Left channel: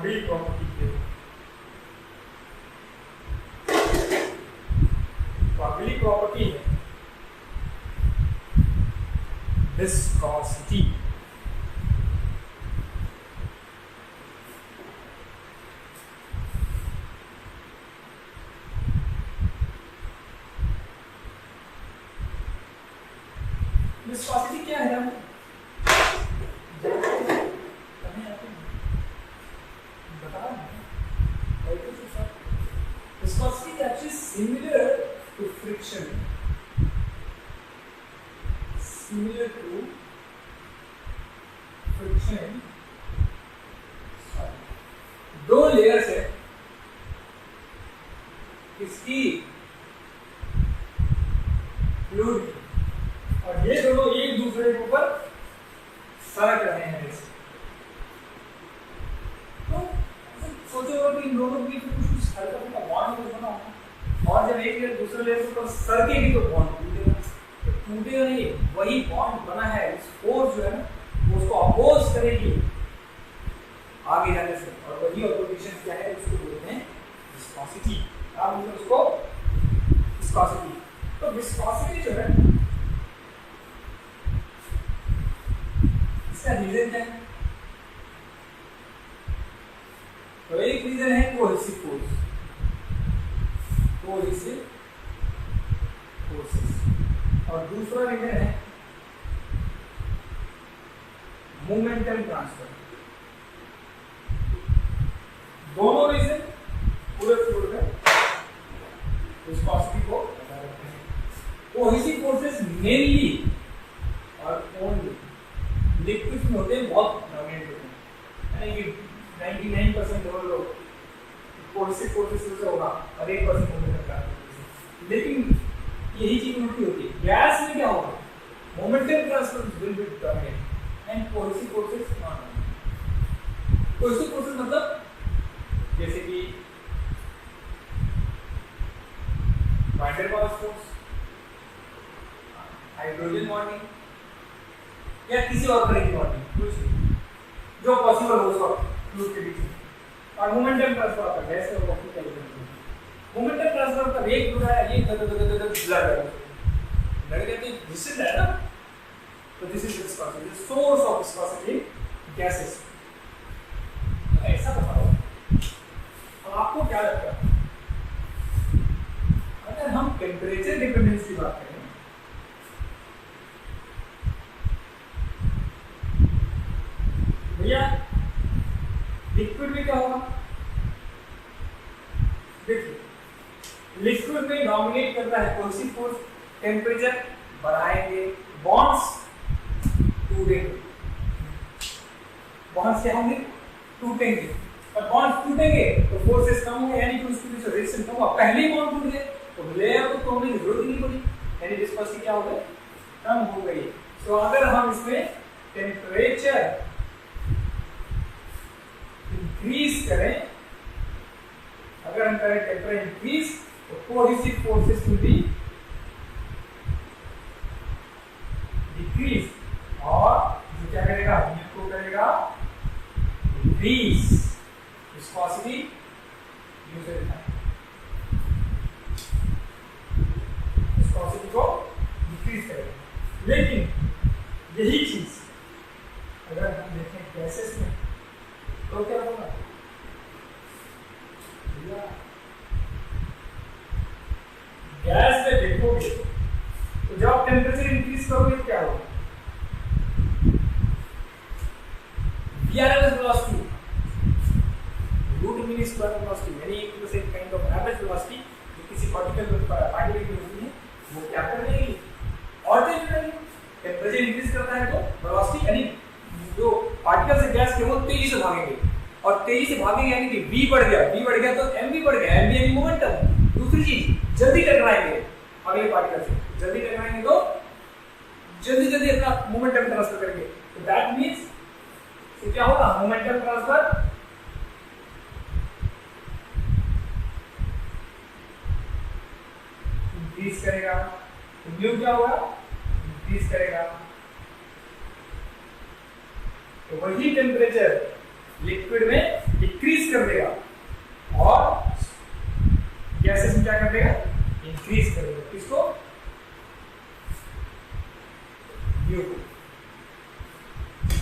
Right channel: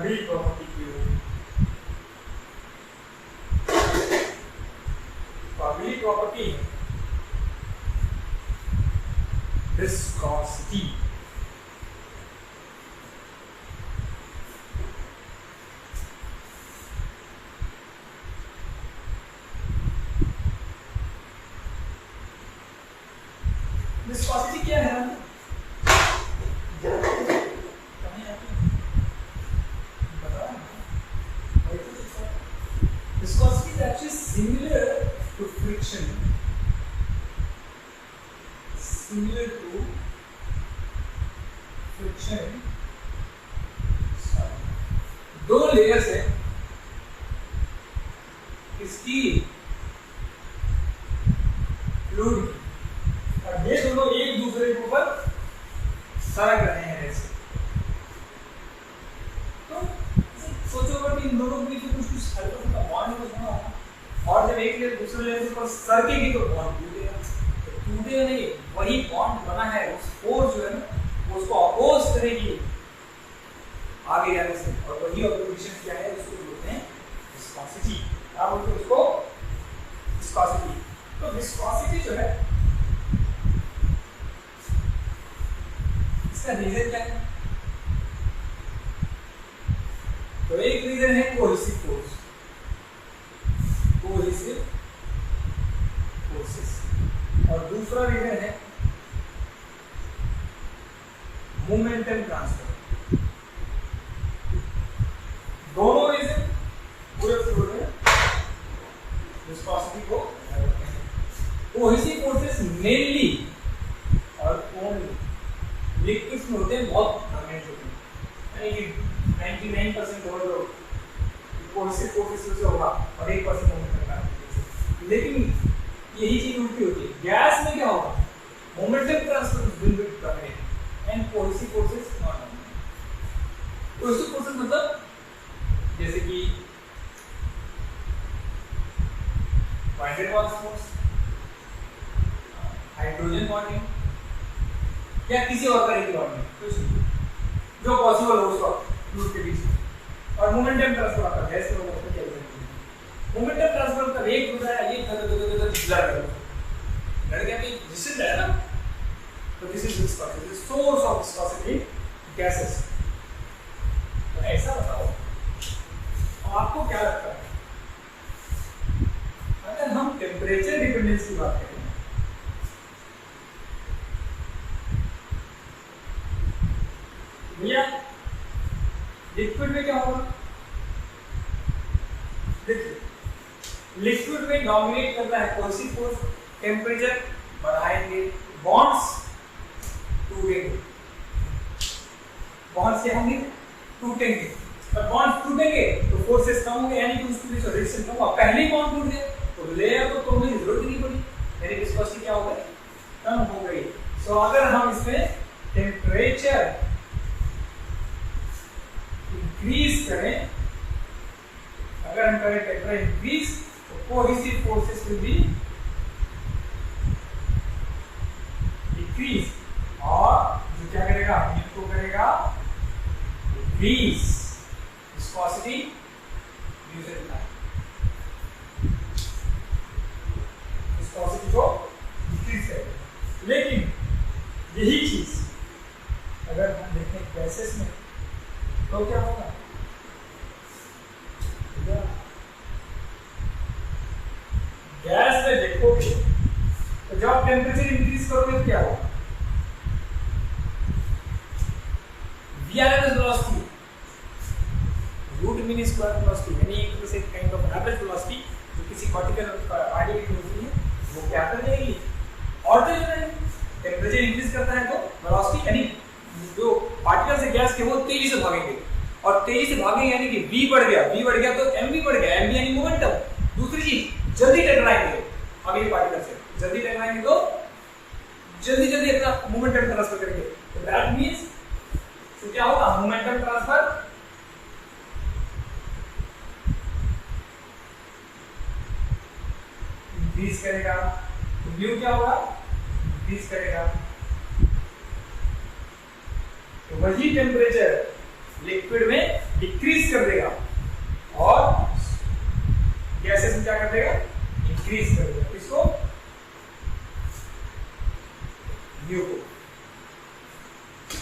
अगली प्रॉपर्टी की ओर। तो अगली प्रॉपर्टी है विस्कोसिटी। विस्कोसिटी क्या है? Viscosity is actually similar to friction. Similar to friction. दो लेयर्स है इसकी फ्लूइड, और ये दोनों एक दूसरे के ऊपर सरक रहे हैं ऐसे। तो सोचो अगर इन दोनों के बीच में कुछ हल्का फुल्का बॉन्ड बना हो, और जब एक लेयर दूसरे लेयर के ऊपर सरकेगी तो बॉन्ड टूटेगा। तो टूटेगा नहीं, वही बॉन्ड बना है उस फोर्स जो है ना वो उसको अपोज करेगी आगे जाने से, और वही ऑब्जर्वेशन क्या है उसको बोलते हैं विस्कोसिटी। क्या बोलते हैं उसको? विस्कोसिटी। तो विस्कोसिटी जो है इसका रीजन क्या है? तो एक रीजन है कोहेसिव फोर्स, कोहेसिव फोर्सेस, और दूसरा रीजन है मोमेंटम ट्रांसफर। दोनों रीजन पूरे फ्लूइड में विस्कोसिटी को बनाए रखते हैं। कोहेसिव फोर्सेस मेनली और ओनली लिक्विड्स में होते हैं, बहुत डोमिनेंट होते हैं, यानी कि 99% लोग कोहेसिव फोर्सेस से होगा और 1% मोमेंटम ट्रांसफर। लेकिन यही चीज उल्टी होती है, गैस में क्या होगा? Momentum transfer will be dominate and cohesive forces not dominate. Cohesive forces मतलब जैसे कि van der Waals force, hydrogen bonding, या किसी और तरह की बॉन्डिंग, कुछ जो पॉसिबल हो उसका फ्लूइड के बीच में। और मोमेंटम ट्रांसफर आता है गैस में, वो क्या बोलते हैं? मोमेंटम ट्रांसफर का वेग हो रहा है, ये लड़ गया कि डिस्टेंस है ना, तो this is viscosity, source of viscosity gases. तो ऐसा बताओ, आपको क्या लगता है अगर हम टेम्परेचर डिपेंडेंस की बात करें, भैया लिक्विड में क्या होगा? देखिए लिक्विड में डोमिनेट करता है कोहेसिव फोर्स, टेम्परेचर बढ़ाएंगे, बॉन्ड्स टूटेंगे, बॉन्ड्स क्या होंगे? टूटेंगे, और बॉन्ड्स टूटेंगे तो फोर्सेस कम होंगे, यानी कि उसके बीच रेजिस्टेंस कम होगा। पहले ही बॉन्ड टूट गए तो लेयर को तोड़ने की जरूरत नहीं पड़ी, यानी विस्कोसिटी क्या हो गई? कम हो गई। सो अगर हम इसमें टेम्परेचर इंक्रीज करें, अगर हम करें टेम्परेचर इंक्रीज, तो cohesive forces will be decrease, और जो क्या करेगा? हीट को करेगा इंक्रीज, विस्कोसिटी विस्कोसिटी को डिक्रीज करेगा। लेकिन यही चीज अगर हम देखें गैसेस में तो क्या होगा? गैस में देखोगे तो जब आप टेम्परेचर इंक्रीज करोगे तो क्या होगा? VRMS velocity, root mean square velocity, यानी एक तरह से काइंड ऑफ एवरेज वेलोसिटी जो किसी पार्टिकल पार्टिकल की होती है, वो क्या कर देगी? ऑल्टर जाएगी। टेम्परेचर इंक्रीज करता है तो वेलोसिटी, यानी जो पार्टिकल से गैस के वो तेजी से भागेंगे, और तेजी से भागेंगे यानी कि v बढ़ गया, v बढ़ गया तो m भी बढ़ गया, m भी यानी मोमेंटम। दूसरी चीज, जल्दी टकराएंगे अगले पार्टिकल से, जल्दी टकराएंगे तो जल्दी जल्दी अपना मोमेंटम ट्रांसफर करेंगे। तो दैट मींस तो क्या होगा? मोमेंटम ट्रांसफर इंक्रीज करेगा, तो म्यू क्या होगा? इंक्रीज करेगा। तो वही टेम्परेचर लिक्विड में डिक्रीज कर देगा और गैसेस में क्या कर देगा, इंक्रीज कर देगा। किसको, म्यू को।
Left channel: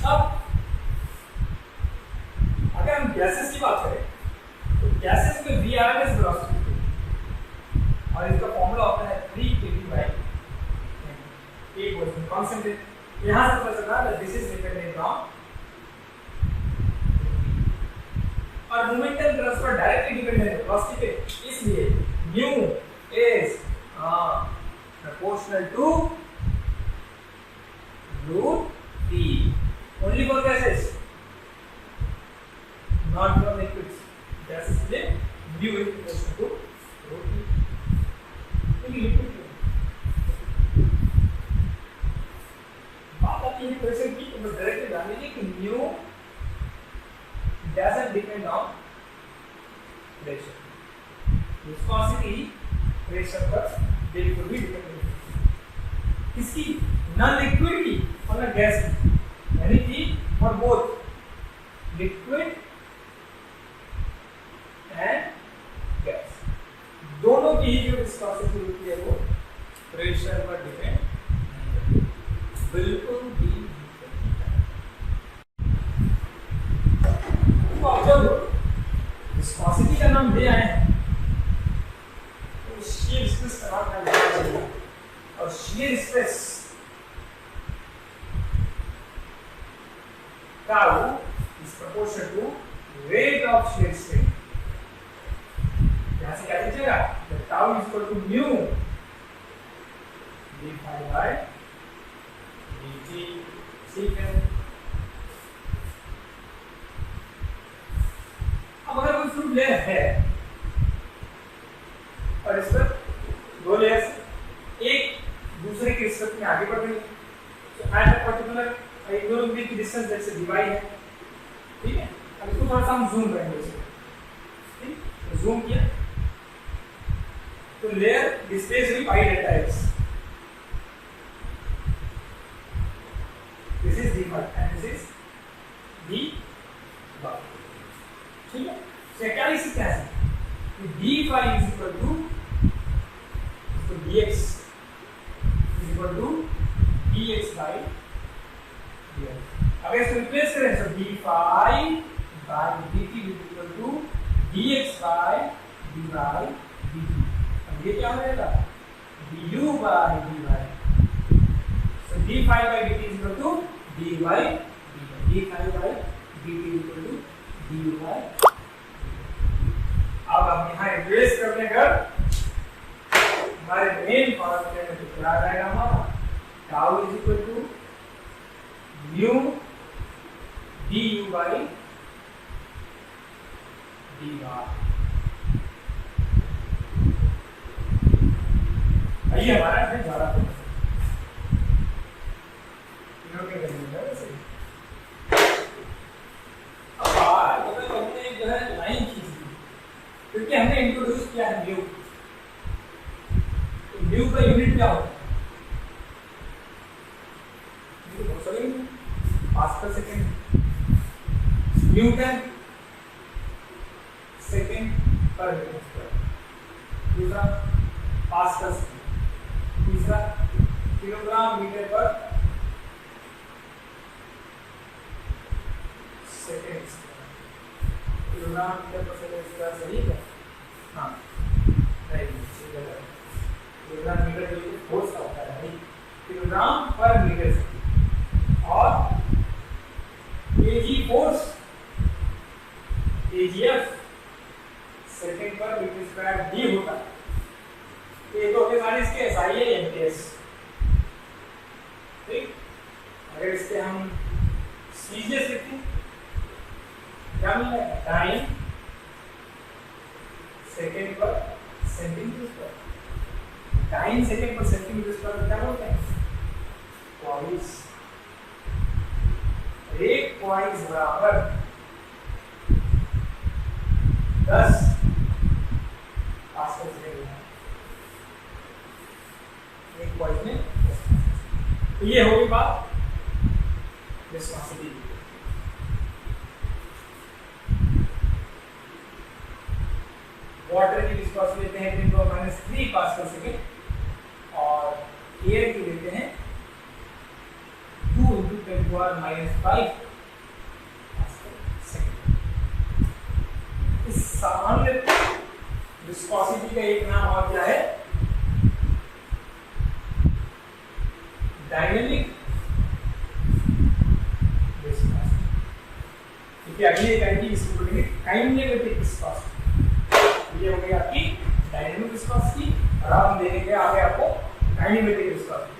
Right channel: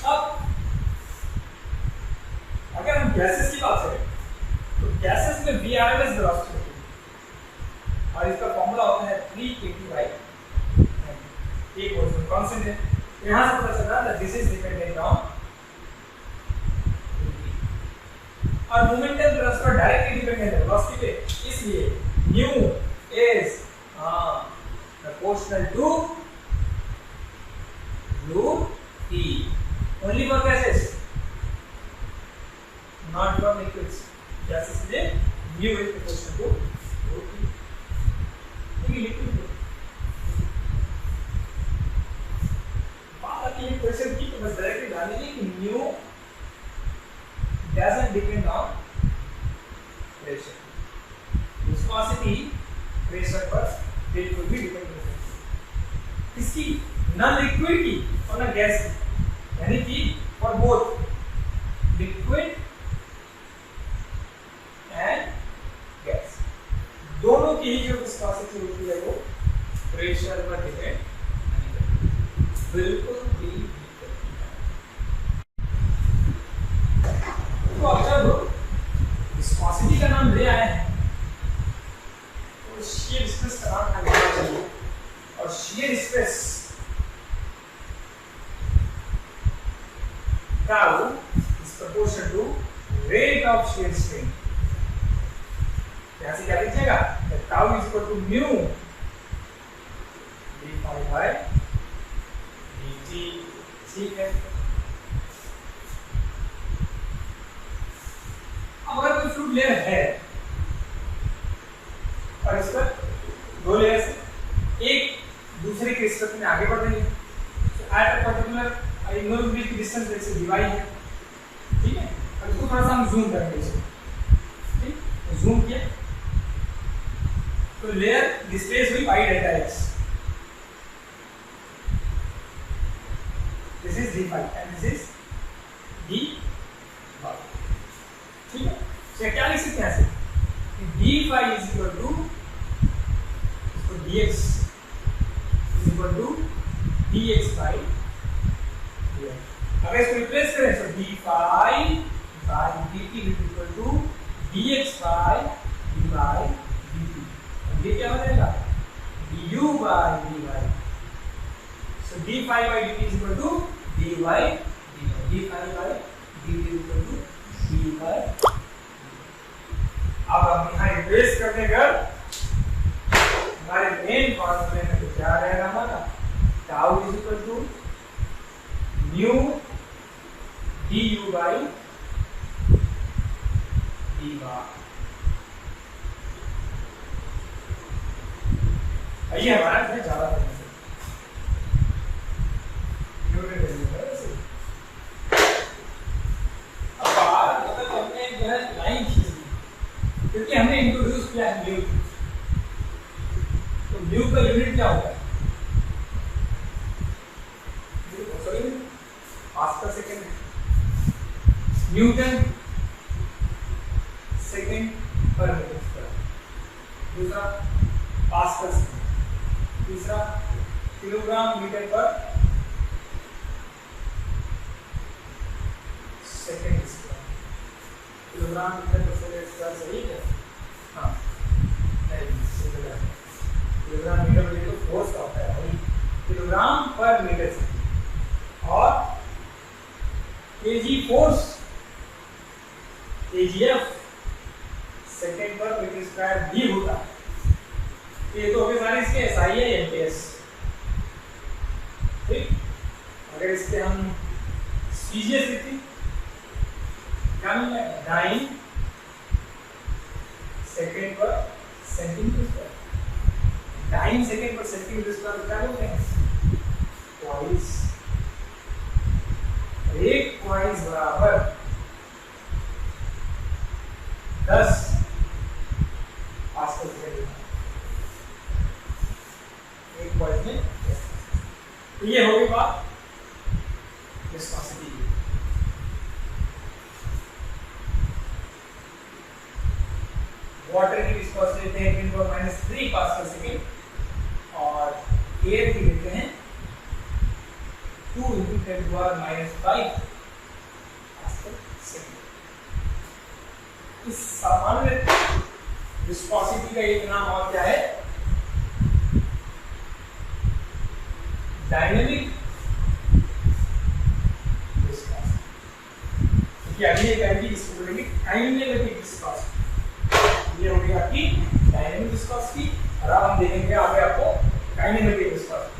अब अगर हम गैसेस की बात करें तो गैसेस में VRMS वेलोसिटी और इसका फॉर्मूला होता है 3 kT बाई एक कांस्टेंट है। यहां से पता चलता है दिस इज डिपेंडेंट ऑन और मोमेंटम वेलोसिटी पर डायरेक्टली डिपेंडेंट है वेलोसिटी पे, इसलिए nu is proportional to root E only for gases not for liquids. Gases के लिए nu is proportional to root E। लेकिन लिक्विड बात आती है क्वेश्चन की, तो बस डायरेक्टली जान लीजिए कि new doesn't depend on pressure. Viscosity pressure पर बिल्कुल भी डिपेंड नहीं है। इसकी नॉन लिक्विड की और न गैस की, यानी कि for both liquid and gas दोनों की ही जो विस्कोसिटी होती है वो प्रेशर पर डिपेंड नहीं करती, बिल्कुल भी। तो अब जब विस्कोसिटी का नाम ले आए हैं तो शियर स्ट्रेस का नाम लेना चाहिए, और shear stress tau is proportional to rate of shear strain. यहां से क्या लिखिएगा, tau is equal to mu d phi by dt। ठीक है, अब अगर कोई फ्लूइड लेयर है और इस पर दो लेयर्स एक दूसरे के रिस्पेक्ट में आगे बढ़ रही है, तो at a particular I know with distance जैसे dy है, ठीक है। अब इसको थोड़ा सा हम जूम करेंगे, ठीक, जूम किया तो लेयर डिस्प्लेस हुई pi delta x, this is dy and this is dy, ठीक है। तो क्या लिख सकते हैं ऐसे dy is equal to dx is equal to dx by dx। अगर इसको रिप्लेस करें तो dy by dt is equal to dx by dy dt। अब ये क्या हो जाएगा, du by dy। So d phi by dt is equal to dy dt, d phi by dt is equal to dy। अब हम यहाँ replace करने पर हमारे मेन फॉर्मूले में तो क्या रहेगा हमारा, tau is equal to nu du by d bar. ये हमारा है ज्यादा लाइन खींची क्योंकि हमने इंट्रोड्यूस किया है न्यू। तो न्यू का यूनिट क्या होता है, पास्कल सेकंड है, न्यूटन सेकंड पर मीटर स्क्वायर, दूसरा पास्कल सेकंड, तीसरा किलोग्राम मीटर पर सेकंड स्क्वायर, किलोग्राम मीटर पर सेकंड स्क्वायर सही है। हाँ नहीं ये गलत है, किलोग्राम मीटर पर जो फोर्स का होता है किलोग्राम पर मीटर सेकंड, और केजी फोर्स केजीएफ सेकंड पर मीटर स्क्वायर भी होता है। ये तो होंगे सारे इसके एसआई है एमपीएस, ठीक। अगर इसके हम सीजीएस लिखें क्या मिलेगा, टाइम सेकंड पर सेंटीमीटर स्क्वायर। टाइम सेकंड पर सेंटीमीटर स्क्वायर क्या बोलते हैं, क्वाइस। एक क्वाइस बराबर 10 पास्कल सेकंड। एक क्वाइस में तो ये होगी बात विस्कोसिटी की। वाटर की विस्कोसिटी लेते हैं 10⁻³ पास्कल सेकेंड और एयर की लेते हैं 2 × 10⁻⁵ पास्कल सेकेंड। इस सामान्य विस्कोसिटी का एक नाम और क्या है? Dynamic viscosity. क्योंकि अगली इकाई इसको बोलेंगे काइनेमेटिक विस्कोसिटी। ये हो गई आपकी डायनेमिक विस्कोसिटी और अब हम देखेंगे आगे आपको kinematic viscosity.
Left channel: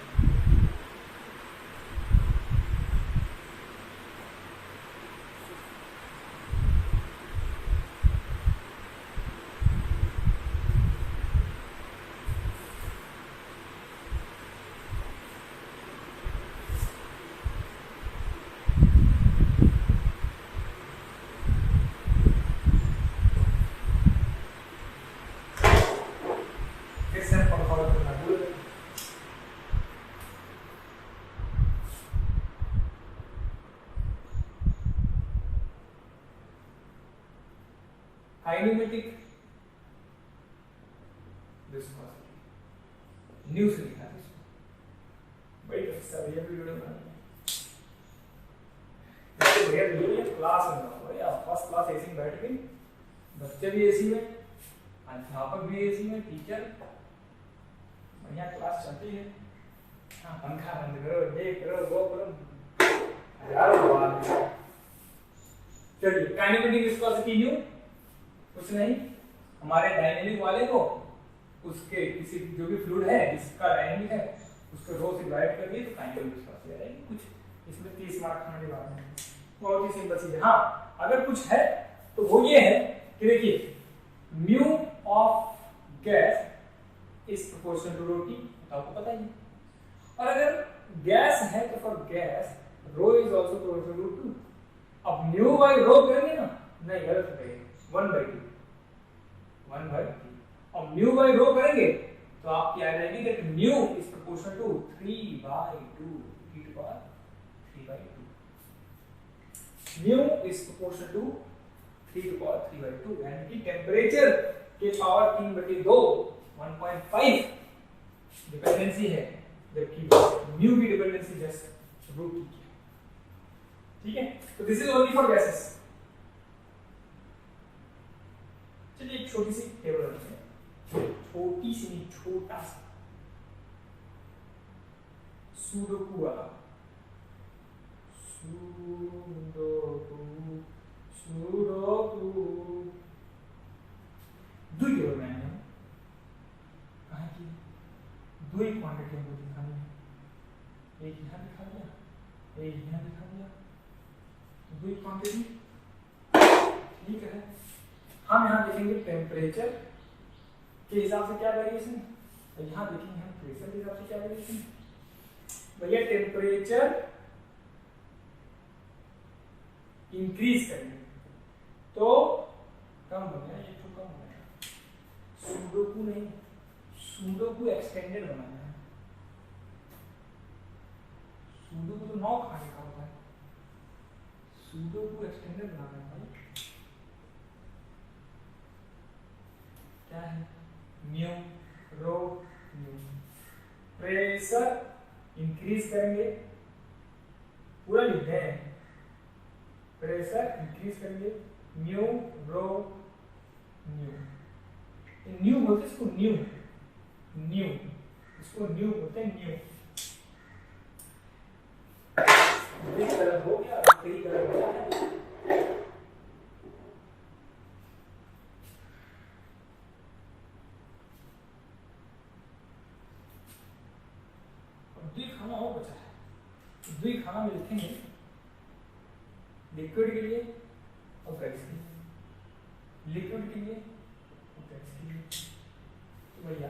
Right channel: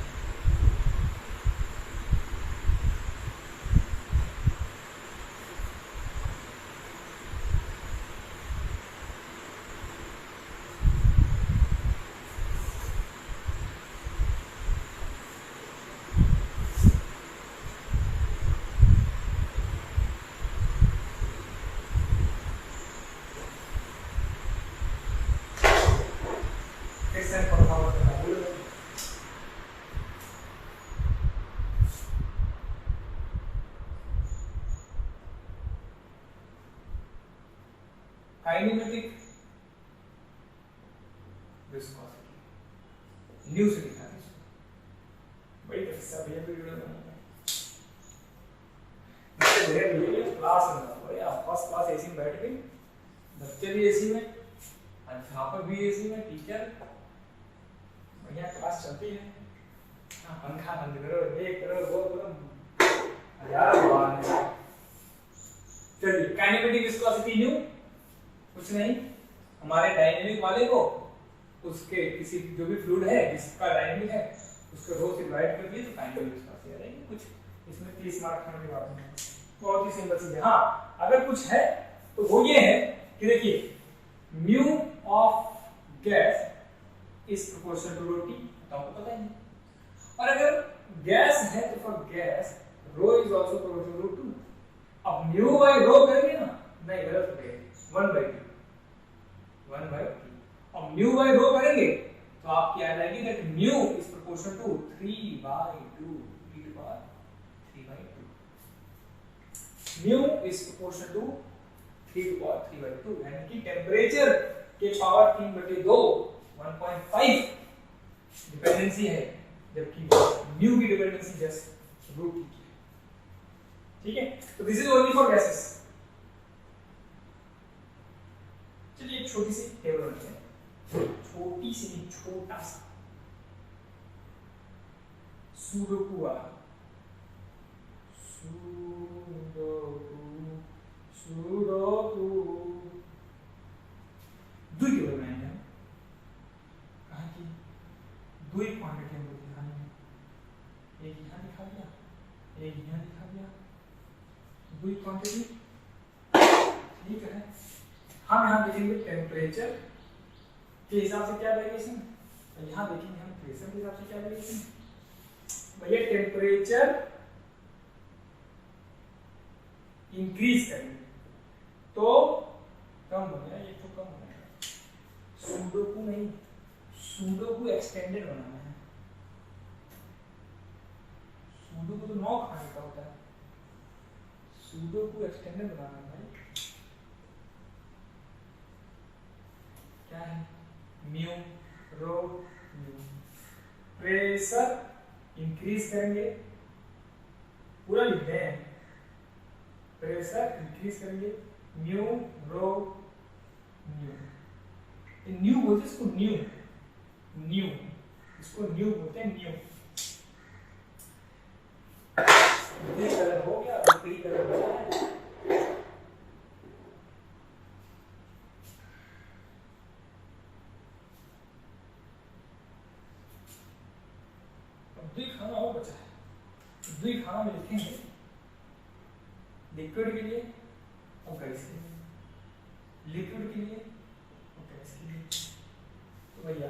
Kinematic viscosity news लिखना है इसको। भाई सब ये वीडियो बनाना है ये क्लास में भाई आप फर्स्ट क्लास एसी में बैठ के बच्चे भी एसी में, अध्यापक भी एसी में, टीचर बढ़िया क्लास चलती है। हाँ पंखा बंद करो, ये करो, वो करो, यार बात है। चलिए काइनेमेटिक विस्कोसिटी न्यू कुछ नहीं, हमारे डायनेमिक वाले को उसके किसी जो भी फ्लूइड है जिसका डायनेमिक है उसको रो से डिवाइड कर दिए तो काइनेमेटिक विस्कोसिटी आ जाएगी। कुछ इसमें 30 मार्क खाने की बात नहीं, बहुत ही सिंपल चीज है। हाँ अगर कुछ है तो वो ये है कि देखिए mu of gas is proportional to rho T, तो आपको पता ही है। और अगर गैस है तो for gas rho is also proportional to 2। अब म्यू बाय रो करेंगे ना, नहीं गलत हो जाएगा, 1/2 और म्यू बाय रो करेंगे तो आपकी आ जाएगी that mu is proportional to 3/2 e to power 3/2। Mu is proportional to 3 to power 3/2 यानी कि टेंपरेचर के पावर 3/2 1.5 डिपेंडेंसी है, जबकि म्यू की डिपेंडेंसी जस्ट √t की है। ठीक है, तो this is only for gases. चलिए एक छोटी सी टेबल बनाते हैं, छोटी सी छोटा सा सुडोकू वाला सुडोकू दुई टेबल बनाएंगे। कहाँ की दो ही क्वांटिटी हमको दिखानी है, एक यहाँ दिखा दिया, एक यहाँ दिखा दिया, दो ही क्वांटिटी। ठीक है, हम यहाँ देखेंगे टेम्परेचर के हिसाब से क्या वेरिएशन है, यहाँ देखेंगे हम प्रेशर के हिसाब से क्या वेरिएशन है। भैया टेम्परेचर इंक्रीज करेंगे तो कम हो जाएगा, ये तो कम हो जाएगा। सुडोकू नहीं, सुडोकू एक्सटेंडेड बनाना है। सुडोकू तो 9 खाने का होता है, सुडोकू एक्सटेंडेड बनाना है भाई। क्या है? म्यू रो म्यू। प्रेशर इंक्रीज करेंगे, पूरा लिखते हैं, प्रेशर इंक्रीज करेंगे म्यू रो न्यू। न्यू बोलते हैं इसको, न्यू न्यू, इसको न्यू बोलते हैं, न्यू। ग्रीन कलर हो गया, ग्रीन कलर हो गया। खाना और बचा है, द्वि खाना में लिखेंगे लिक्विड के लिए और गैस के लिए, लिक्विड के लिए और गैस के लिए। तो भैया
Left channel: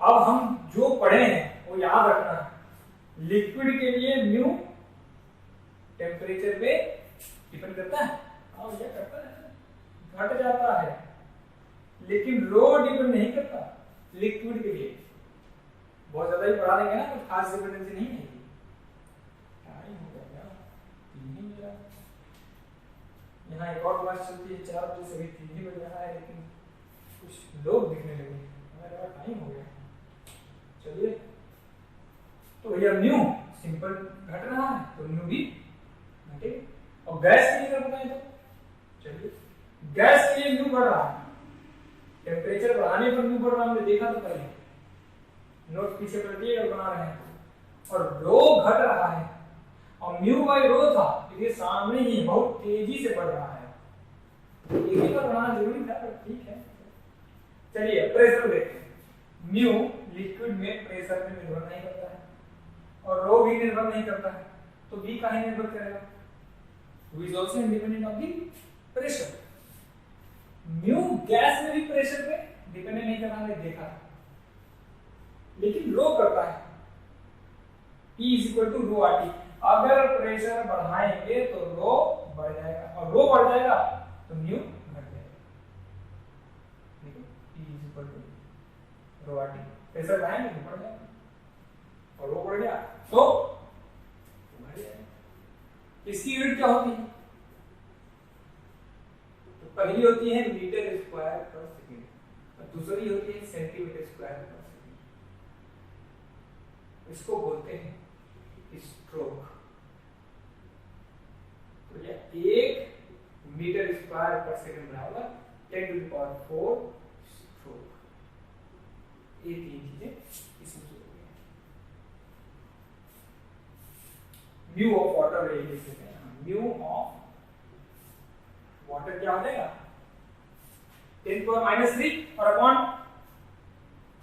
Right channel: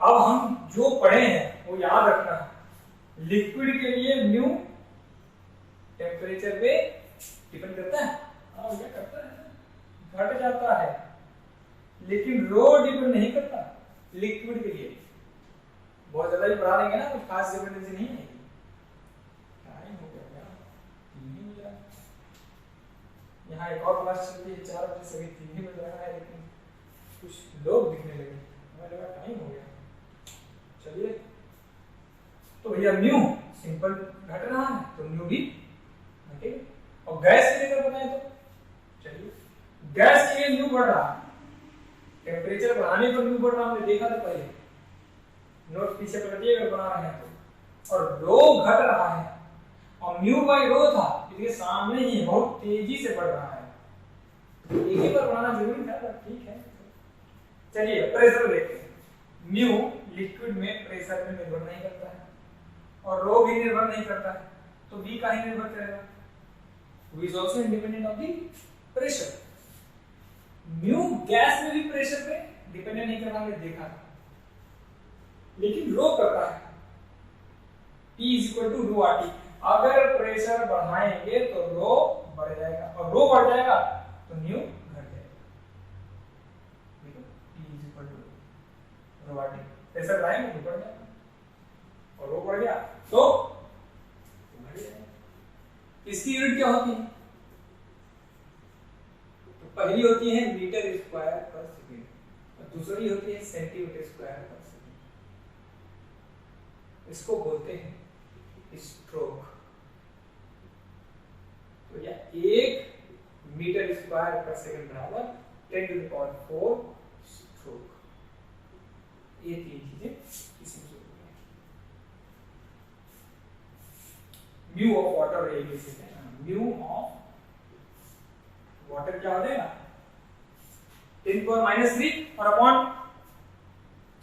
अब हम जो पढ़े हैं वो याद रखना है। लिक्विड के लिए म्यू टेम्परेचर पे डिपेंड करता है, हाँ भैया करता है, घट जाता है, लेकिन रो डिपेंड नहीं करता। लिक्विड के लिए बहुत ज्यादा ही पढ़ा देंगे ना, कुछ खास डिपेंडेंसी नहीं है। क्या ही हो गया, नहीं मिला। यहाँ एक और क्लास चलती है 4 बजे से, अभी 3 ही बज रहा है, लेकिन कुछ लोग दिखने लगे, हमें लगा टाइम हो गया। चलिए, तो भैया न्यू सिंपल घट रहा है तो न्यू भी घटेगा। और गैस के लिए अगर बताएं तो चलिए, गैस के लिए न्यू बढ़ रहा है, टेम्परेचर बढ़ाने पर न्यू बढ़ रहा, हमने देखा था पहले, नोट पीछे पलटिए अगर बना रहे हैं तो। और रो घट रहा है और म्यू बाई रो था, ये सामने ही बहुत तेजी से बढ़ रहा है, एक ही बार बनाना जरूरी था पर ठीक है। चलिए प्रेशर देखते हैं। म्यू लिक्विड में प्रेशर पे निर्भर नहीं करता है और रो भी निर्भर नहीं करता है, तो बी का ही निर्भर करेगा, which is also independent of the pressure. Mu gas में भी प्रेशर पे डिपेंडेंट नहीं कर रहा, हमने देखा, लेकिन रो करता है। P is equal to rho R T. अगर प्रेशर बढ़ाएंगे तो रो बढ़ जाएगा और रो बढ़ जाएगा तो न्यू घट जाएगा। देखो P is equal to rho R T, pressure बढ़ाएंगे तो बढ़ जाएगा और रो बढ़ गया तो बढ़ जाएगा। इसकी यूनिट क्या होती है? तो पहली होती है मीटर स्क्वायर पर सेकेंड और दूसरी होती है सेंटीमीटर स्क्वायर पर सेकेंड। इसको बोलते हैं स्ट्रोक। तो यह 1 मीटर स्क्वायर पर सेकंड बराबर 10 टू द पावर 4 स्ट्रोक। ये 3 चीजें इसमें से होती हैं। म्यू ऑफ वाटर ये लिख सकते हैं, म्यू ऑफ वाटर क्या हो जाएगा 10 टू पावर -3 और अपॉन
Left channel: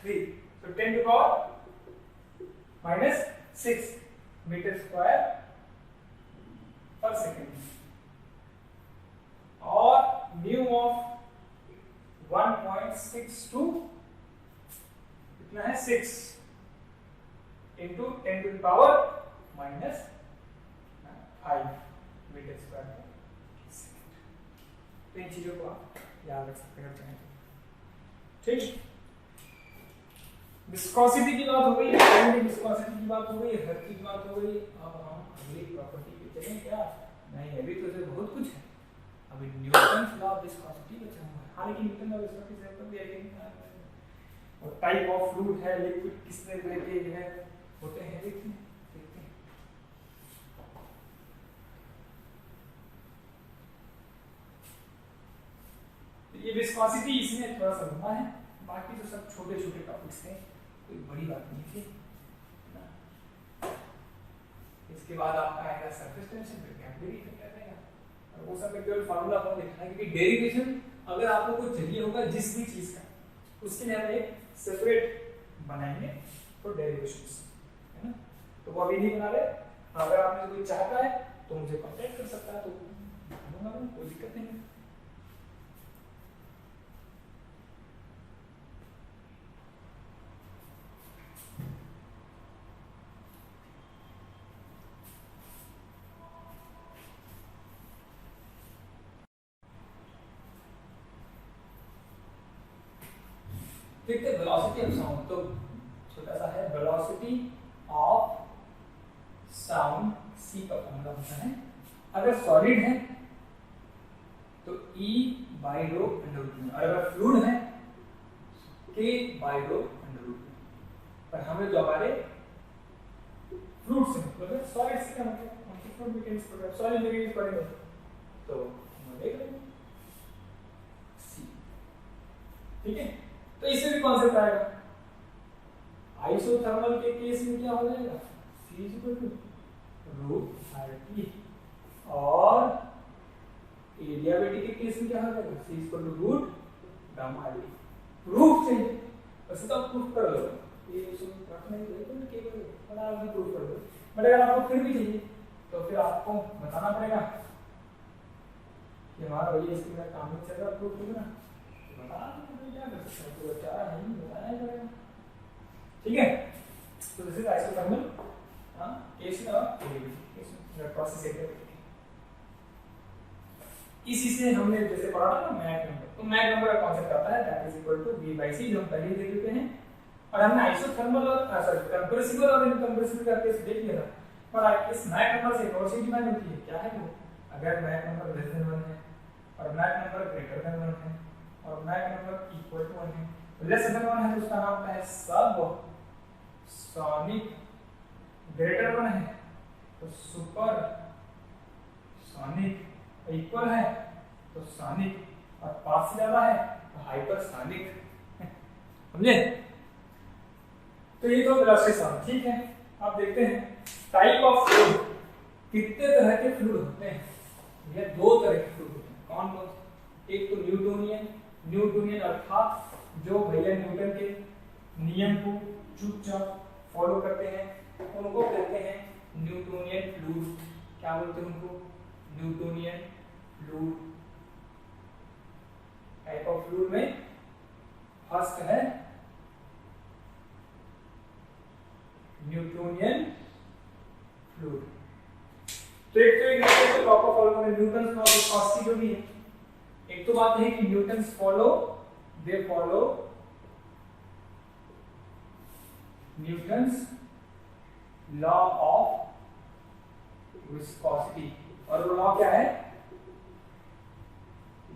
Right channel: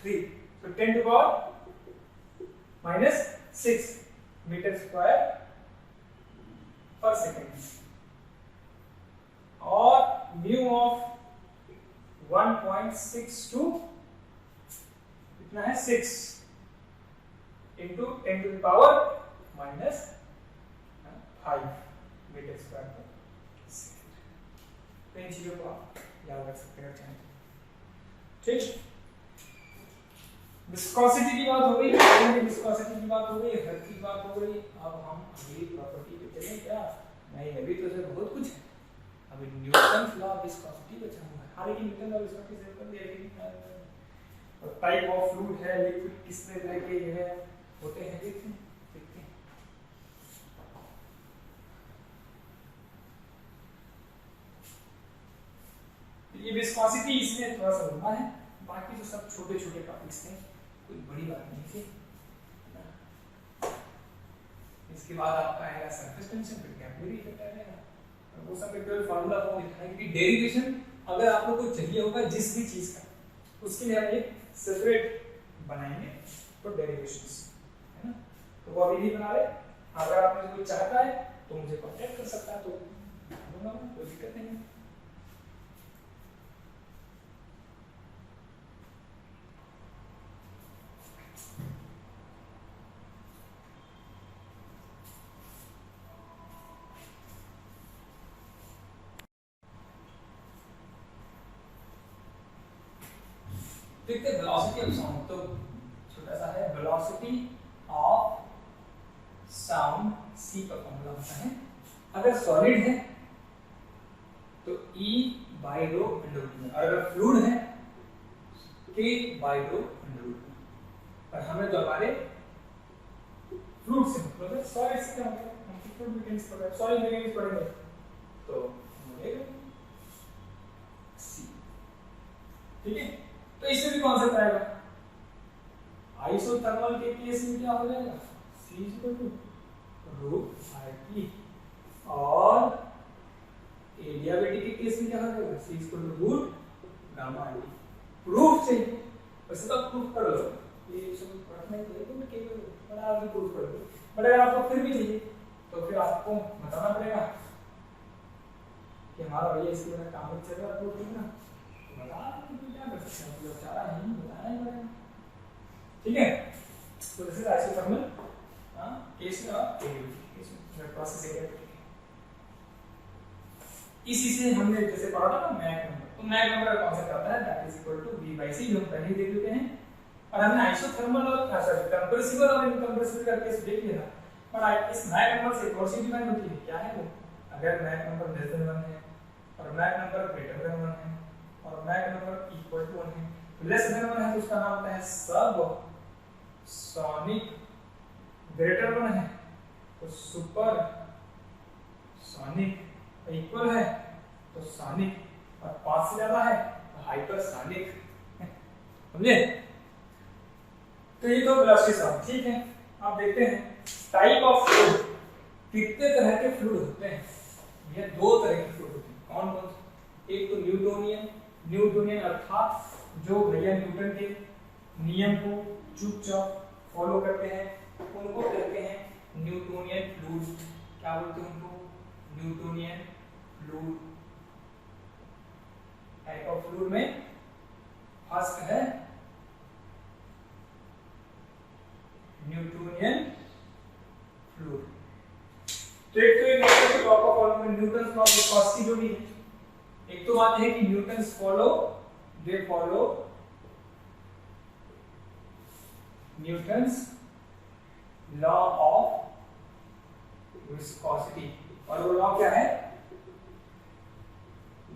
3, तो 10 टू पावर -6 मीटर स्क्वायर पर सेकेंड। और म्यू ऑफ 1.62 कितना है 6 into 10 to the power -5 metre square पर सेकेंड। तो इन चीजों को आप याद रख सकते हैं, चाहें ठीक। विस्कोसिटी की बात हो गई, पानी की विस्कोसिटी की बात हो गई, हर की बात हो गई। अब हम अगली प्रॉपर्टी पे चलें क्या? नहीं, अभी तो इसमें बहुत कुछ है। अभी न्यूटन लॉ ऑफ विस्कोसिटी बचा हुआ है। हालांकि न्यूटन लॉ ऑफ विस्कोसिटी से पर लेकिन और टाइप ऑफ फ्लूइड है, लिक्विड किस तरह के है होते हैं, देखते हैं। ये विस्कोसिटी इसमें थोड़ा सा लंबा है, बाकी तो सब छोटे छोटे टॉपिक्स थे, कोई बड़ी बात नहीं थी। इसके बाद आपका आएगा सरफेस टेंशन, फिर कैपिलरी इफेक्ट आएगा और वो सब केवल फार्मूला फॉर्म लिखना है, क्योंकि डेरिवेशन अगर आपको कुछ चाहिए होगा जिस भी चीज का, उसके लिए हम एक सेपरेट बनाएंगे फॉर डेरिवेशंस, है ना। तो वो अभी नहीं बना रहे, अगर आपने कोई चाहता है तो मुझे कांटेक्ट कर सकता है, तो दूंगा मैं, कोई दिक्कत नहीं। देखते वेलोसिटी ऑफ साउंड, तो छोटा सा है वेलोसिटी ऑफ साउंड, सी का फॉर्मूला होता है। अगर सॉलिड है तो E by rho under root में, और अगर फ्लूइड है K by rho under root में। पर हमें जो हमारे फ्लूइड से मतलब सॉलिड से क्या मतलब, हम फ्लूइड मैकेनिक्स पढ़ रहे हैं, सॉलिड मैकेनिक्स पढ़ेंगे तो मिलेगा C, ठीक है। तो इसमें भी कॉन्सेप्ट आएगा, आइसोथर्मल के केस में क्या हो जाएगा C equal to root RT, और एडियाबेटिक के केस में क्या हो जाएगा C equal to root gamma RT। Proof चाहिए, वैसे तो प्रूफ कर लो, ये सब पढ़ना ही है, तो केवल बड़ा आगे प्रूफ कर लो, बट अगर आपको फिर भी चाहिए तो फिर आपको बताना पड़ेगा कि हमारा भैया इसके बिना काम नहीं चल रहा, प्रूफ करना बता दो, क्या कर सकते हैं, तो चारा नहीं बताना ही पड़ेगा, ठीक है। तो this is isothermal case of adiabatic process adiabatic. इसी से हमने जैसे पढ़ा था ना मैक नंबर, तो मैक नंबर का कॉन्सेप्ट आता है that is equal to V by C, जो हम पहले ही देख चुके हैं। और हमने आइसोथर्मल और सॉरी कंप्रेसिबल और इनकंप्रेसिबल का केस देख लिया था। और इस मैक नंबर से एक और चीज डिफाइन होती है, क्या है वो, अगर मैक नंबर लेस देन 1 है और मैक नंबर ग्रेटर देन 1 है और मैक नंबर इक्वल टू 1 है। लेस देन 1 है तो उसका नाम होता है सब सोनिक, ग्रेटर 1 है तो सुपर सोनिक, इक्वल है तो सोनिक और 5 से ज्यादा है तो हाइपरसोनिक। समझे? तो ये तो वेलोसिटी साउंड, ठीक है। अब देखते हैं टाइप ऑफ फ्लूइड, कितने तरह के फ्लूइड होते हैं। ये 2 तरह के फ्लूइड होते हैं। कौन कौन से? एक तो न्यूटोनियन, न्यूटोनियन अर्थात जो भैया न्यूटन के नियम को चुपचाप फॉलो करते हैं उनको कहते हैं न्यूटोनियन फ्लूइड। क्या बोलते हैं उनको? Newtonian fluid. Type of fluid में फर्स्ट है न्यूटोनियन फ्लूइड। तो एक तो ये लॉ को फॉलो में न्यूटन्स लॉ ऑफ विस्कोसिटी जो भी है, एक तो बात है कि Newton's follow Newton's law of viscosity और वो लॉ क्या है?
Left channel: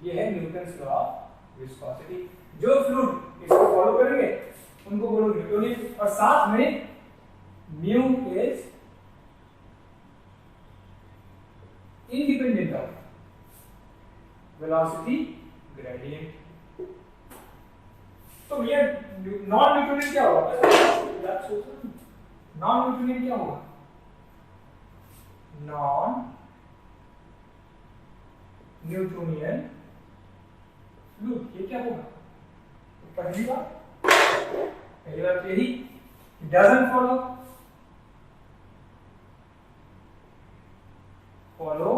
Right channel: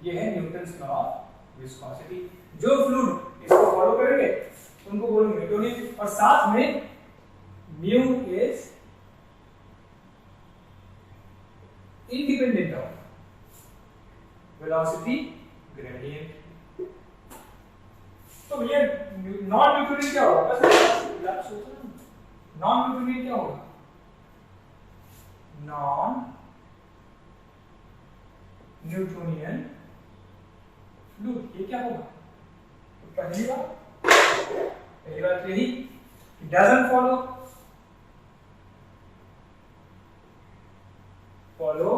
ये है न्यूटन्स लॉ ऑफ विस्कोसिटी। जो फ्लूइड इसको फॉलो करेंगे उनको बोलेंगे न्यूटोनियन और साथ में mu is independent of velocity gradient. तो ये नॉन न्यूटोनियन क्या होगा? नॉन न्यूटोनियन क्या होगा? नॉन न्यूटोनियन फ्लूइड ये क्या होगा? तो पहली बात यही doesn't follow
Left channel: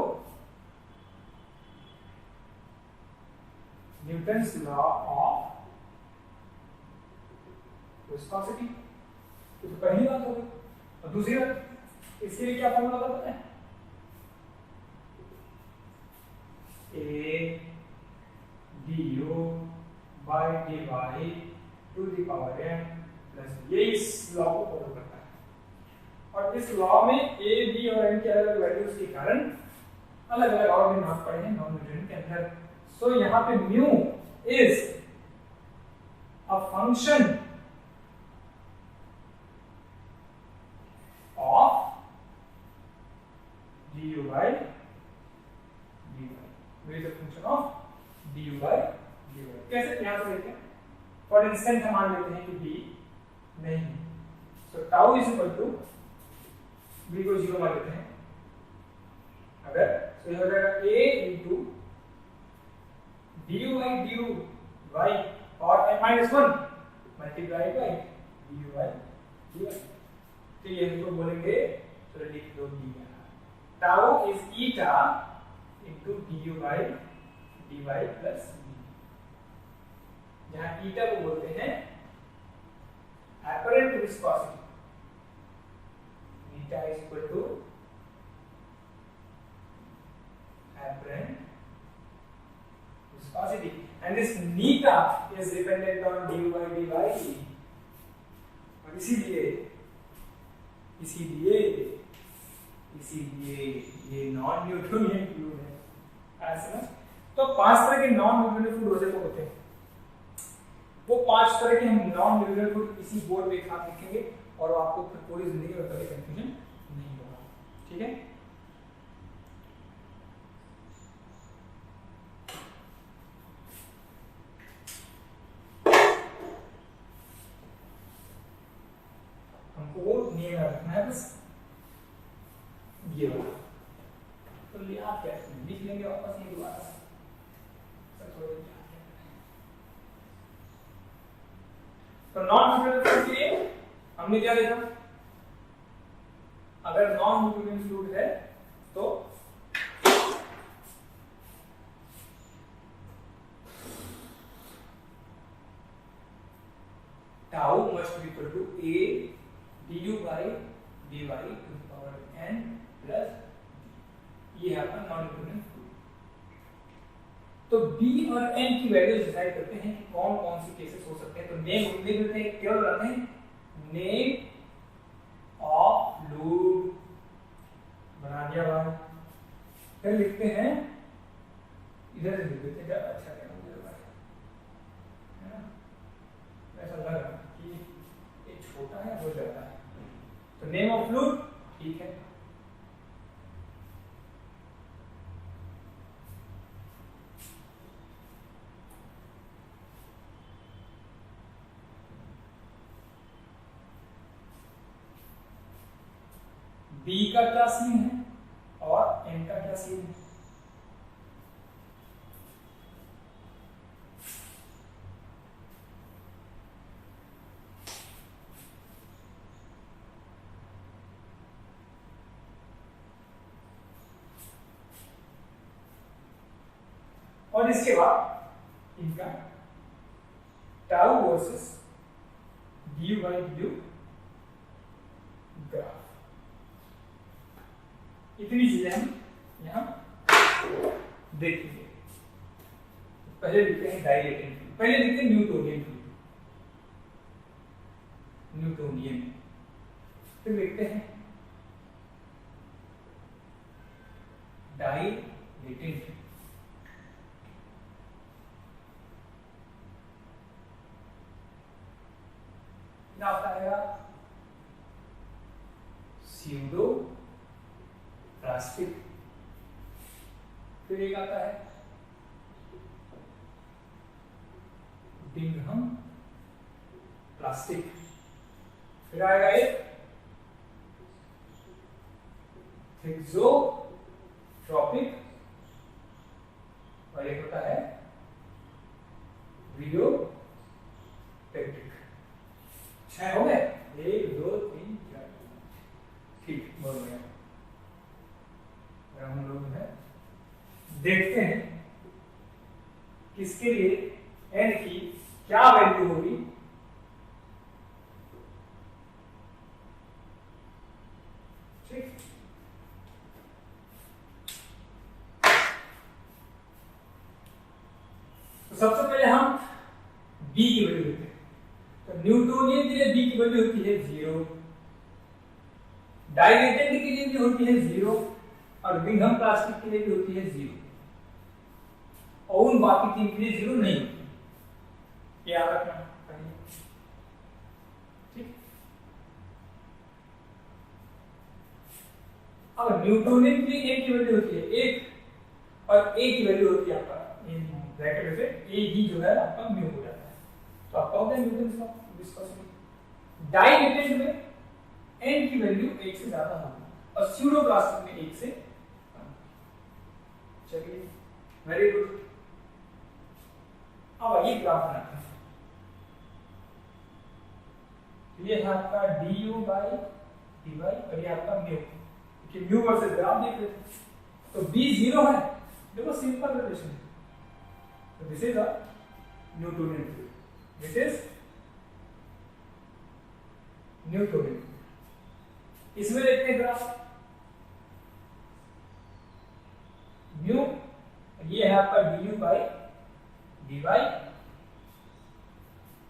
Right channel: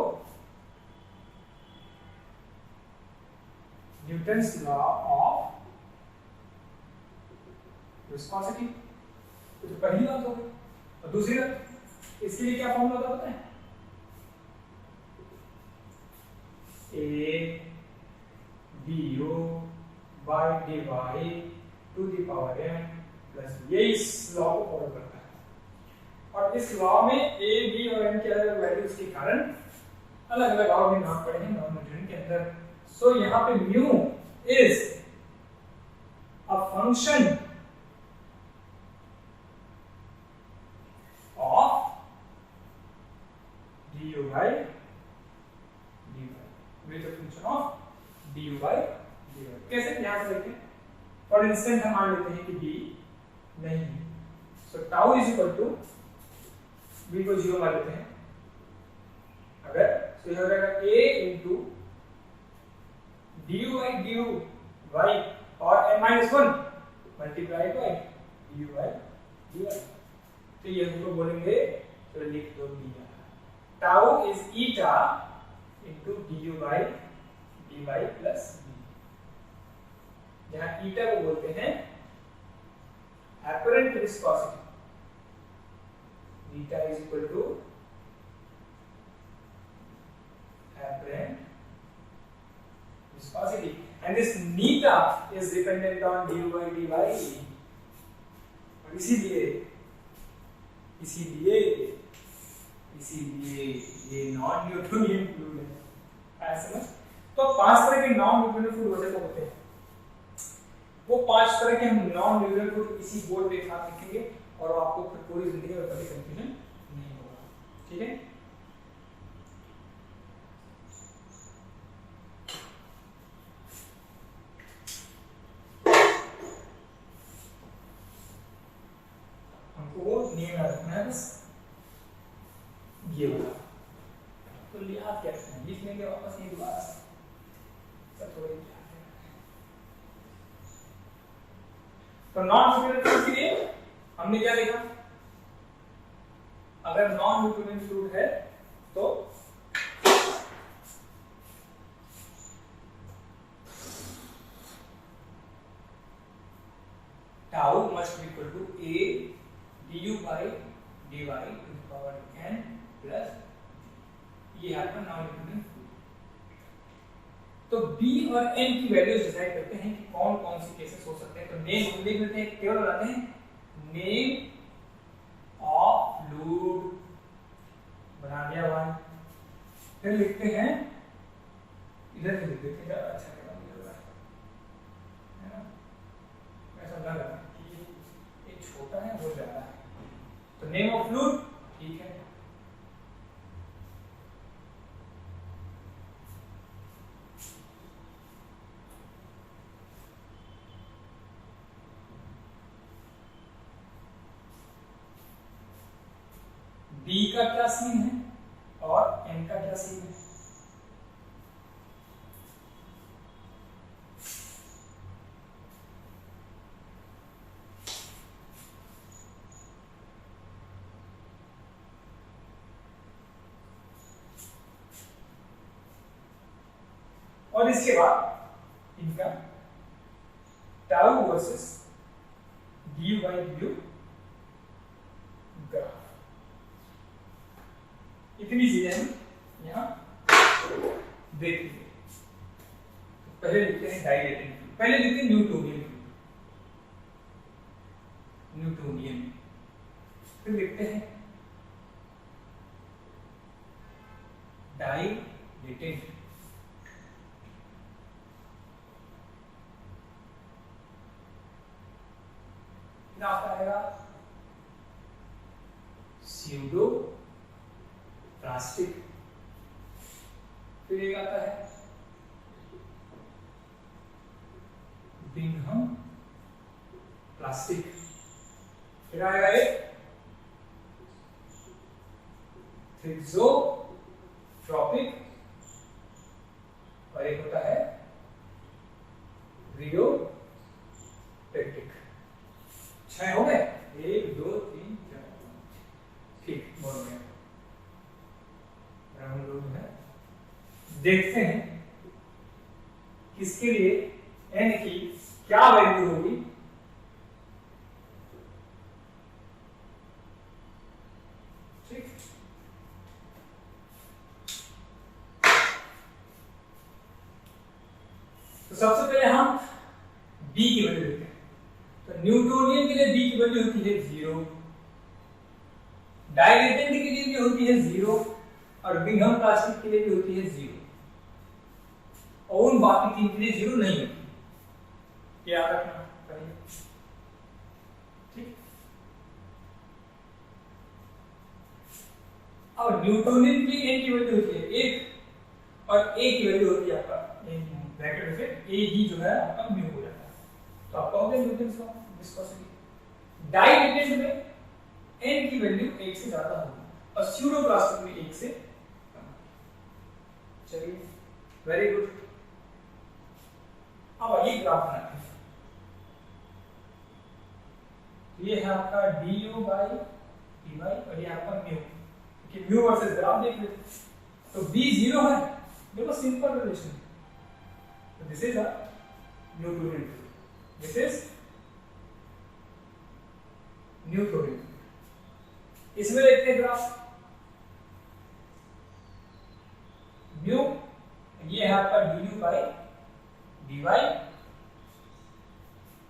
Newton's law of viscosity। तो पहली बात हो गई। और दूसरी बात, इसके लिए क्या फॉर्मूला था पता है? A du by dy to the power n plus ये इस लॉ को फॉलो करता है। और इस लॉ में a b और n के अलग वैल्यूज के कारण अलग अलग और भी नाम पड़े हैं नॉन न्यूटोनियन के अंदर। सो यहाँ पे mu is a function of du by dy। Mu is a function of du by dy। कैसे? यहाँ से देखें। फॉर इंस्टेंट हम मान लेते हैं कि b नहीं है, so tau is equal to b को 0 मान लेते हैं। अगर तो यह हो जाएगा a into du by du y और n-1 multiply by du by dy। तो ये हमको बोलेंगे, तो लिख दो दिया tau is eta into du by dy plus b, जहां ईटा को बोलते हैं apparent viscosity। eta is equal to apparent viscosity and this neta is dependent on du by dy। और इसीलिए ये नॉन न्यूटोनियन फ्लूइड है। ऐसा ना? तो 5 तरह के नॉन न्यूटोनियन फ्लूइड वैसे तो होते हैं। वो 5 तरह के हम नॉन न्यूटोनियन फ्लूइड इसी बोर्ड पे एक साथ लिखेंगे और आपको पूरी जिंदगी में कभी कंफ्यूजन नहीं होगा। ठीक है? हमको वो नियम याद रखना है, बस ये वाला। तो याद क्या है? लिख लेंगे वापस ये दोबारा से, सब थोड़ा याद है। तो नॉन न्यूटोनियन फ्लूइड के लिए हमने क्या लिखा? अगर नॉन न्यूटोनियन फ्लूइड है तो tau must be equal to a du by dy to the power n plus ये है आपका नॉन न्यूटोनियन फ्लूइड। तो b और n की वैल्यूज डिसाइड करते हैं कि कौन कौन से केसेस हो सकते हैं। तो नेम लिख देते हैं, केवल बनाते हैं नेम ऑफ फ्लूइड, बना दिया भाई। फिर लिखते हैं, इधर से लिख तो नेम ऑफ फ्लूइड ठीक है। बी का क्या सीन है और एन का क्या सीन है? और इसके बाद इनका tau versus D by due graph, इतनी चीजें हम यहां देखेंगे। पहले लिखते हैं डाइलेटेड फ्लूइड, पहले लिखते हैं न्यूटोनियन फ्लूइड, न्यूटोनियन, फिर लिखते हैं डाइलेटेड, फिर आपका आएगा स्यूडो प्लास्टिक, फिर एक आता है बिंघम प्लास्टिक, फिर आएगा एक थ्रिक्सोट्रोपिक, और एक होता है रियोपेक्टिक। 6 हो गए, 1 2 3 4 5, ठीक, बहुत बढ़िया। हम लोग है देखते हैं किसके लिए n की क्या वैल्यू होगी। ठीक, तो सबसे पहले हम b की वैल्यू लेते हैं। तो न्यूटोनियन के लिए b की वैल्यू होती है 0, डाइलेटेड के लिए भी होती है 0, और बिंघम प्लास्टिक के लिए भी होती है 0, और उन बाकी 3 के लिए 0 नहीं होती, याद रखना पड़ेगा। ठीक, अब न्यूटोनियन के लिए a की वैल्यू होती है 1, और a की वैल्यू होती है आपका ब्रैकेट में से a ही जो है आपका म्यू हो जाता है, तो आपका हो गया न्यूटन का विस्कोसिटी। डाइलेटेड में n की वैल्यू 1 से ज्यादा होगी, और स्यूडो प्लास्टिक में 1 से कम। चलिए, वेरी गुड। अब ये ग्राफ बनाते हैं। ये है आपका du बाई dy, और ये आपका म्यू, कि म्यू वर्सेस ग्राफ देख लो। तो b 0 है, देखो सिंपल रिलेशन। तो this is a Newtonian fluid, this is Newtonian. इसमें देखते हैं ग्राफ, म्यू ये है आपका du बाई dy,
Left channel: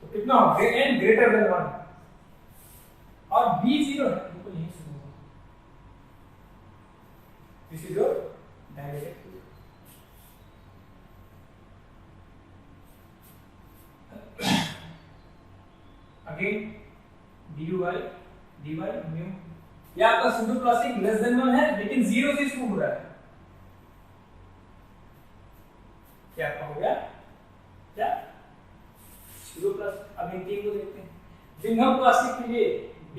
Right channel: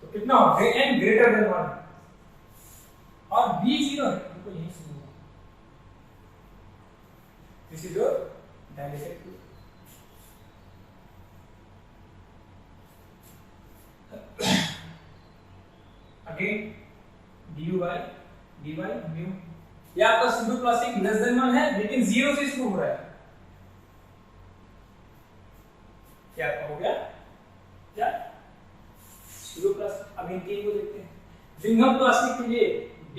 तो कितना हो n ग्रेटर देन 1, और b 0 है, बिल्कुल यही समझो। This is your dilated fluid. Again du by dy mu, ये आपका स्यूडो प्लास्टिक लेस देन 1 है, लेकिन 0 से शुरू हो रहा है। क्या आपका हो गया क्या स्यूडो प्लास्टिक। अगेन 3 को देखते हैं। बिंघम प्लास्टिक के लिए b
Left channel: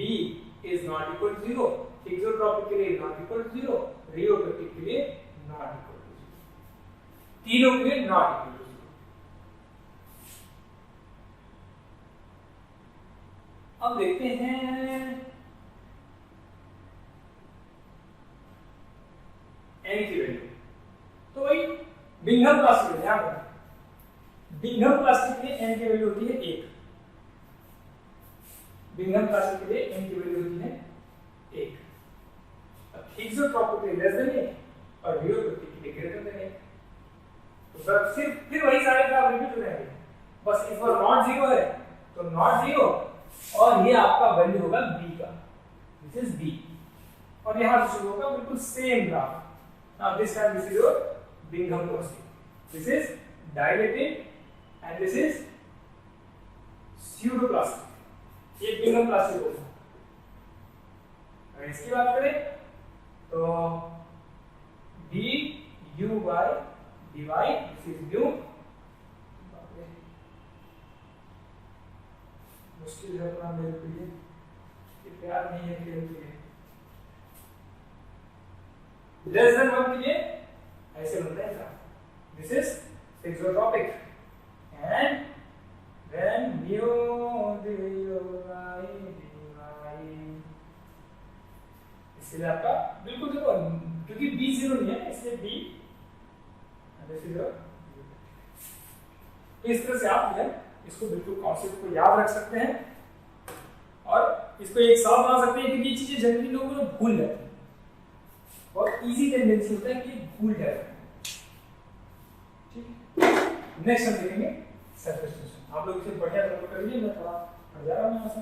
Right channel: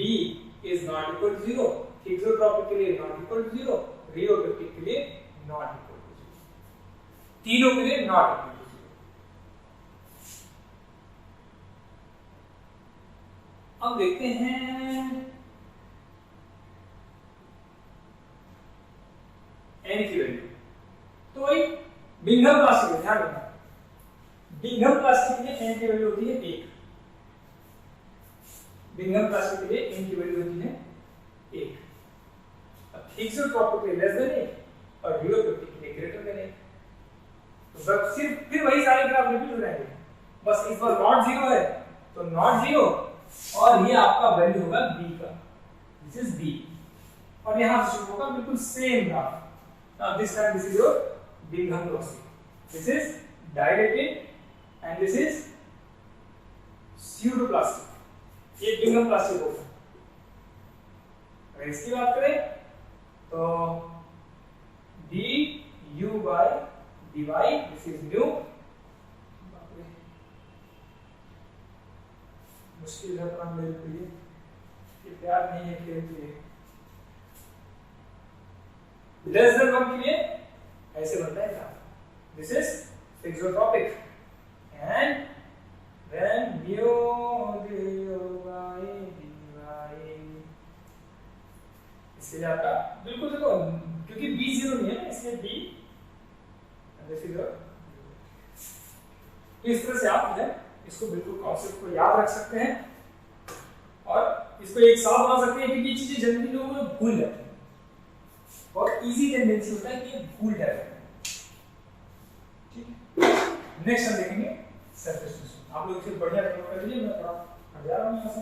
is not equal to 0, thixotropic के लिए नॉट इक्वल टू 0, रियोपेक्टिक के लिए नॉट इक्वल टू 0, तीनों के लिए नॉट इक्वल टू 0। अब देखते हैं n की वैल्यू। तो वही बिंघम प्लास्टिक में ध्यान रखना, बिंघम प्लास्टिक के लिए n की वैल्यू होती है 1, बिंघम प्लास्टिक के लिए n की वैल्यू होती है 1, थ्रिक्सोट्रोपिक के लिए लेस देन 1, और रियोपेक्टिक के लिए ग्रेटर देन 1। तो बस सिर्फ फिर वही सारे ग्राफ रिपीट हो जाएंगे, बस इस बार नॉट 0 है तो नॉट 0, और ये आपका वैल्यू होगा b का, दिस इज b, और यहां से शुरू होगा बिल्कुल same graph. Now this time this is your Bingham plastic, this is dilated, and this is pseudo plastic. ये Bingham plastic होगा। अगर इसकी बात करें तो d u by d y, this is new. मुश्किल है काम मेरे लिए, ये प्यार नहीं है खेल के लिए। लेस देन 1 के लिए ऐसे बनता है था, this is fix your topic and when mu d y d y, इसलिए आपका बिल्कुल देखो क्योंकि b 0 नहीं है इसलिए b दिस इज योर। तो इस तरह से आप इसको बिल्कुल कॉन्सेप्ट को याद रख सकते हैं और इसको एक साथ बना सकते हैं, क्योंकि ये चीजें जनरली लोग भूल जाते हैं, बहुत इजी टेंडेंसी होता है कि भूल जाते हैं। ठीक है, नेक्स्ट हम देखेंगे सरफेस टेंशन। आप लोग इसे बढ़िया डेवलप कर लीजिए, मैं थोड़ा हट जा रहा हूं यहाँ से।